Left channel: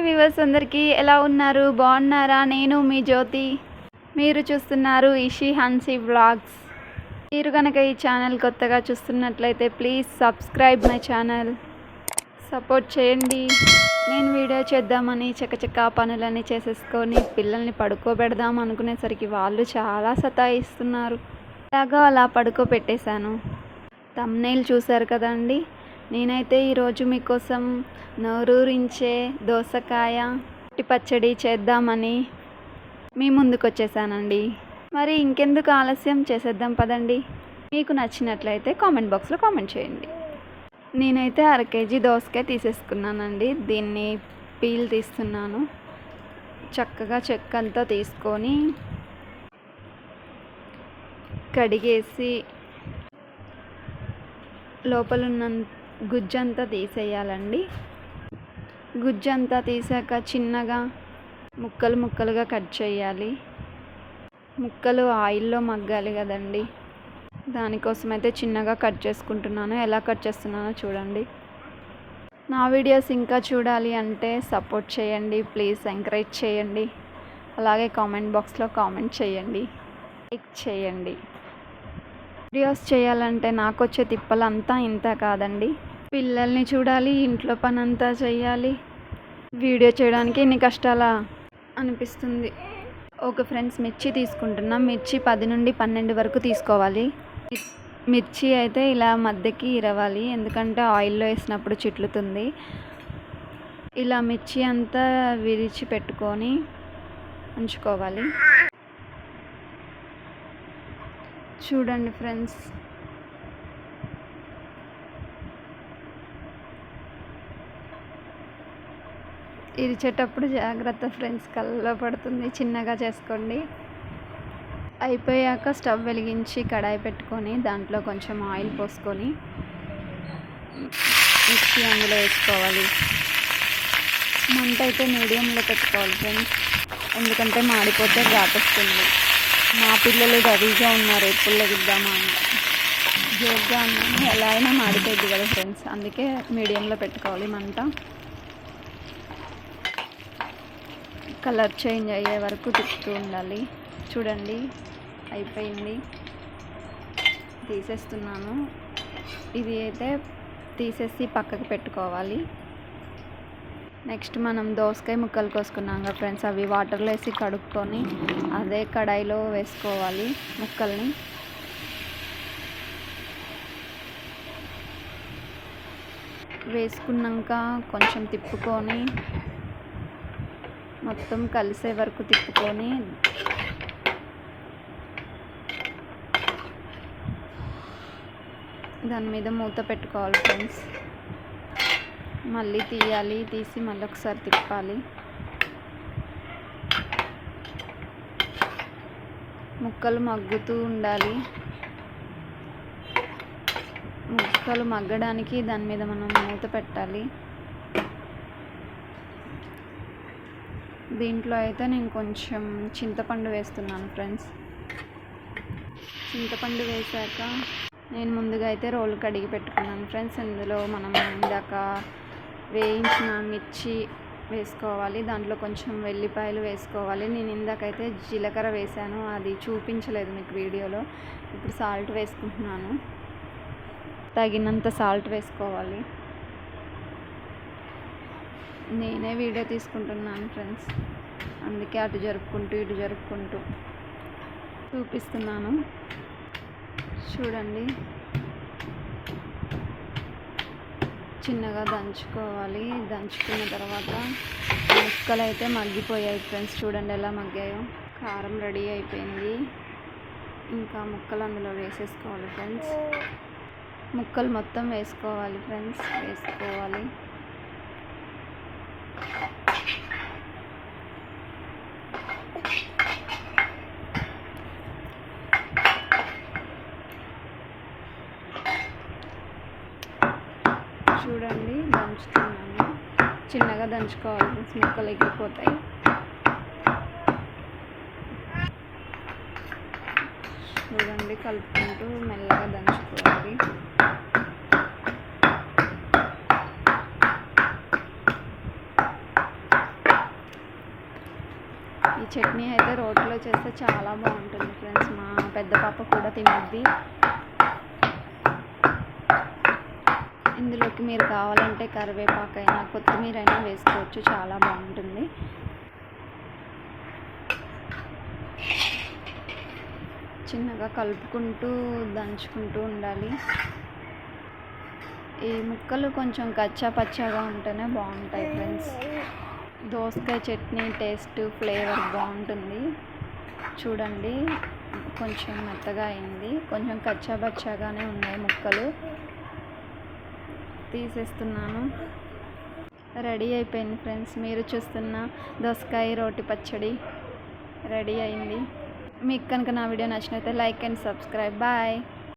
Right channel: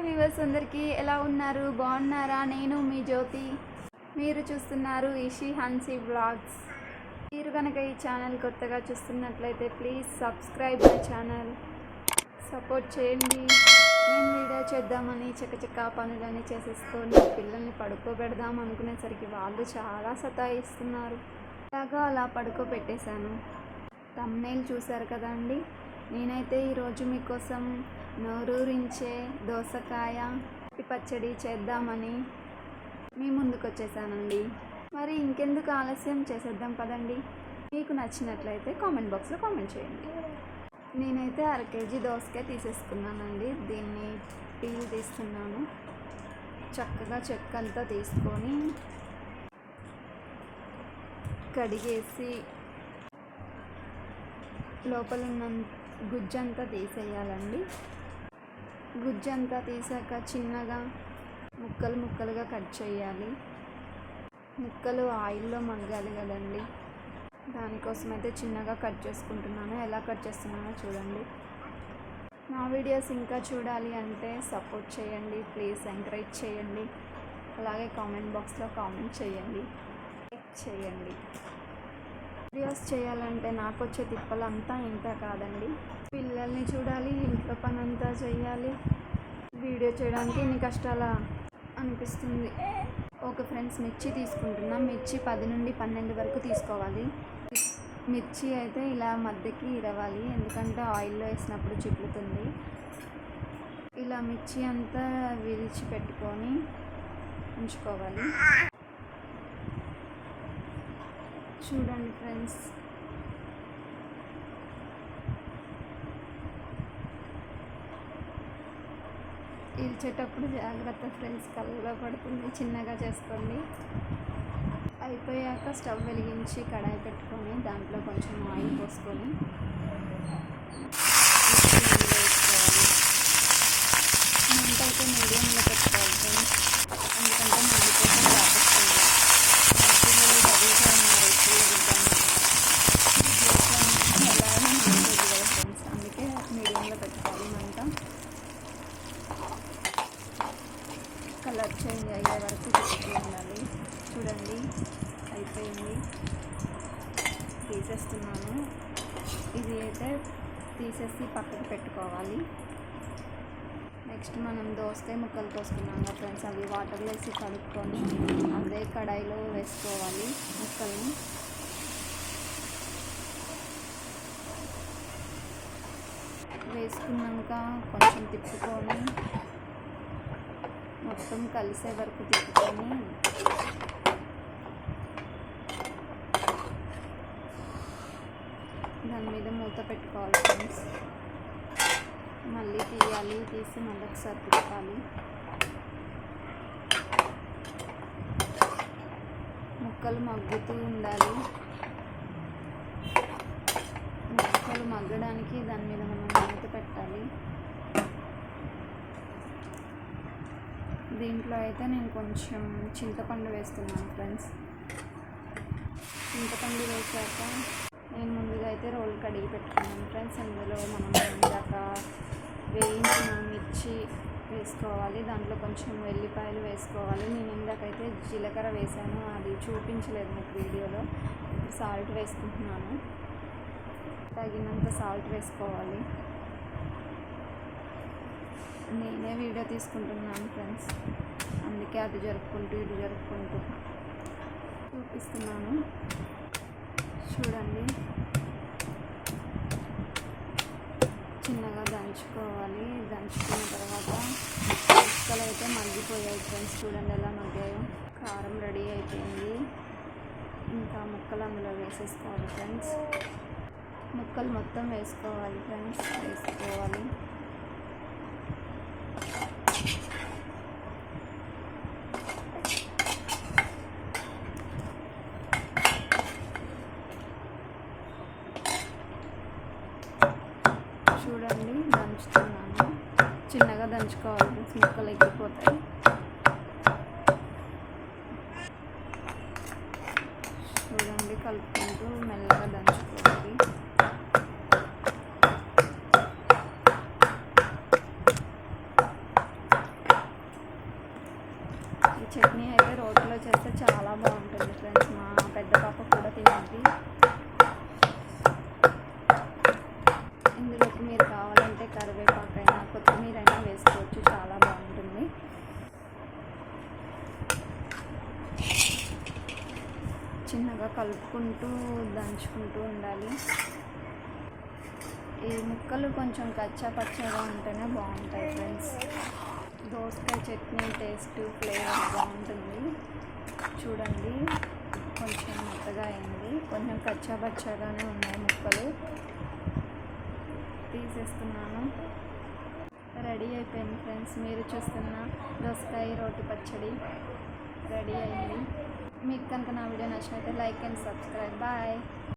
Hi viewers అందరికీ ఎలా ఉన్నారు? బాగున్నారా? నేను మీ జ్యోతి. మీరు చూస్తున్నారు ఇషి హన్సీ వ్లాగ్స్. మీరు కనుక ఈ ఛానల్ కొత్తగా చూస్తున్నట్లయితే please subscribe my channel, support చేయండి. నేను వీడియో చేద్దామని చకచకా పనులన్నీ చేసేసుకొని పిల్లల్ని పడుకోబెడదాం అనుకునేసరికి వాళ్ళు చాలా సతాయిస్తున్నారు. అలాగా అలా పడుకోబెట్టేశాను. థంబ్నెయిల్ చూశారు కదండి. నేనైతే ఈరోజు మీకోసం నోరూరించే దోసకాయ పచ్చడి చేద్దామని మీ ముందుకు వచ్చేసానండి. మరి ఇంకెందుకు ఆలస్యం, చేసేద్దాం పదండి. మీకు నచ్చినట్లయితే కామెంట్ బాక్స్లో కామెంట్ చేయండి. నేనైతే 1/2 kg దోసకాయ తీసేసుకున్నానండి. దీన్ని పీల్ తీస్తున్నాను. చక్కగా చెక్కంతా తీసుకొని కడిగేసి లోపలున్న గుజ్జంతా తీసేయాలండి. గుజ్జంతా తీసాక చిన్నగా ముక్కలుగా కట్ చేయాలి. ముక్కలు ఆయిల్లో మగ్గాలి కదండి, దానికోసమైతే చిన్నగా కట్ చేసుకుంటున్నాను. ఎలా కట్ చేస్తున్నానో చూడండి. నా వీడియోస్ ఇంకా చూడాలి అంటే సపోర్ట్ చేయండి, ప్లీజ్ ఎంకరేజ్ చేయండి. అలాగే కామెంట్ బాక్స్లో కామెంట్ చేయండి, లైక్ చేయండి. వీడియోస్ చేయాలంటే నాకు వచ్చే తిప్పలంతా ఇంత కాదండి. పిల్లల్ని చూడాలి, ఇంట్లో పని అంతా చేయాలి. వీడియో చేయడానికి ఇన్ని కష్టాలా అనిపిస్తుంది. ఓకే ఫ్రెండ్స్, మిర్చి తీసుకుంటున్నా. మిర్చి 10 నుండి 12 వరకు తీసుకోవాలి. మిర్చి అయితే ఇలా మధ్యకి ఇరవాలి, ఎందుకంటే ఆయిల్లో వేసినప్పుడు చిట్లుతుంది. ఇలా మిర్చి అంతా విరిచి పెట్టుకొని ఉంచుకోవాలి. చూడండి ఫ్రెండ్స్, ఇరిచేటప్పుడు జాగ్రత్త ఫ్రెండ్స్, కళ్ళలో పడుతుంది. చిన్నగా చేసుకోండి. అయిపోయాక స్టవ్ వెలిగించి కడాయి పెట్టుకొని దాంట్లో కొంచెం ఆయిల్ పోసుకొని మిర్చి అందులో వేసుకోవాలి. మంట అయితే మీడియంలో పెట్టుకోవాలి ఫ్రెండ్స్, ఎందుకంటే మాడిపోతే రాకొస్తుంది. మా పిల్లలు గదిగా ఉన్నారు, ఎప్పుల్లో విద్దామని జోక్గా ఉన్నాను. ఎలా అయినా మాడిపోద్ది కదా ఫ్రెండ్స్, అందుకే మీడియంలో పెట్టుకోవాలి మంట. కలర్ చేంజ్ అయ్యే వరకు తిప్పుతూ ఉండాలి. చూడండి అయిపోయింది, తీసేస్తున్నాను. ఇది అయితే తీసేసి పక్కకు పెట్టుకోవాలి. నెక్స్ట్ మనం దోసకాయ ముక్కలు కోసుకున్నాం కదా ఫ్రెండ్స్, అవి వాటర్లో వేసి కడుక్కొని అదే కడాయిలో వేసుకోవాలి ముక్కల్ని. వేసుకున్నాక కొంచెం తిప్పుకొని మొత్తం కలిసే వరకు తిప్పుకొని దాని మీద మూత పెట్టుకోవాలి ఫ్రెండ్స్. మళ్ళీ తీయాలి, తీసి మళ్ళీ ఒకసారి తిప్పాలి. ముక్కలు మగ్గుతూ ఉండాలి. ముక్కలు మగ్గడానికి దాని మీద మనం మూత పెట్టాలి. దీంట్లో అయితే నేను కొంచెం చింతపండు వేస్తున్నాను ఫ్రెండ్స్. చింతపండు వేసాక నేను ముందుగా అయితే రోలు కడిగి పెట్టుకున్నాను ఫ్రెండ్స్. ఇందులో మనం ఇందాక వేయించిన మిర్చి వేసుకోవాలి. దాంట్లో కొంచెం వెల్లిపాయలు వేసుకోవాలి. నేను ఇందాకైతే జీలకర్ర వేసాను, అది చూపించలేదు మీకు వీడియోలో. ఇప్పుడు సాల్ట్ వేసుకుంటున్నాను, తగినంత సాల్ట్ వేసుకోవాలి. నేనే వీడియో తీసుకుంటున్నాను ఫ్రెండ్స్, అందుకే అటు జరుపుకుంటూ ఇటు జరుపుకుంటూ చూపిస్తున్నాను. చూడండి, చిన్నగా దంచుకోవాలి. దంచుకున్న తర్వాత ముక్కలు అయితే మగ్గిపోయాయి ఫ్రెండ్స్. చూడండి ఎలా మగ్గాయో. కారం రెడీ అయిపోయింది. ఇంకా ముక్కలు అందులో వేసేసుకోవాలి ఫ్రెండ్స్. ముక్కలు మొత్తం వేసుకోవాలి ఫ్రెండ్స్, వేసుకోవాలి. చూడండి దంచుతున్నాను, చిన్నగా దంచుకోవాలి, ముక్కలు ఎక్కిపోతాయి. చూడండి కలుపుకుంటూ మెల్లగా దంచుకోవాలి. చట్నీ అయితే రోట్లో చేస్తే చాలా బాగుంటుంది ఫ్రెండ్స్. మా పెద్ద పాప కూడా తినద్ది. ఇందులోకి మీరు కావాలంటే కరివేపాకైనా కొత్తిమీర అయినా వేసుకోవచ్చు, చాలా బాగుంటుంది. చిన్నగా కలుపుకుంటూ దంచుకుంటూ ఉండాలి. ఈ ముక్కలు కొంచెం కచ్చా పచ్చాగా ఉంటేనే బాగుంటాయి ఫ్రెండ్స్. దోసకాయ చట్నీ టేస్ట్ ఫ్లేవర్ బాగుంటుంది. చూడండి కొంచెం మెత్తగా అయింది, కొంచెం కచ్చా పచ్చాగానే ఉన్నాయి ముక్కలు. తీసేస్తున్నాను. రెడీ అయిపోయింది ఫ్రెండ్స్. మీరు చూస్తున్న దోసకాయ రోటి పచ్చడి రెడీ అయింది. మీకు కనుక నా వీడియో నచ్చినట్లయితే లైక్ అండ్ సబ్స్క్రైబ్. బాయ్.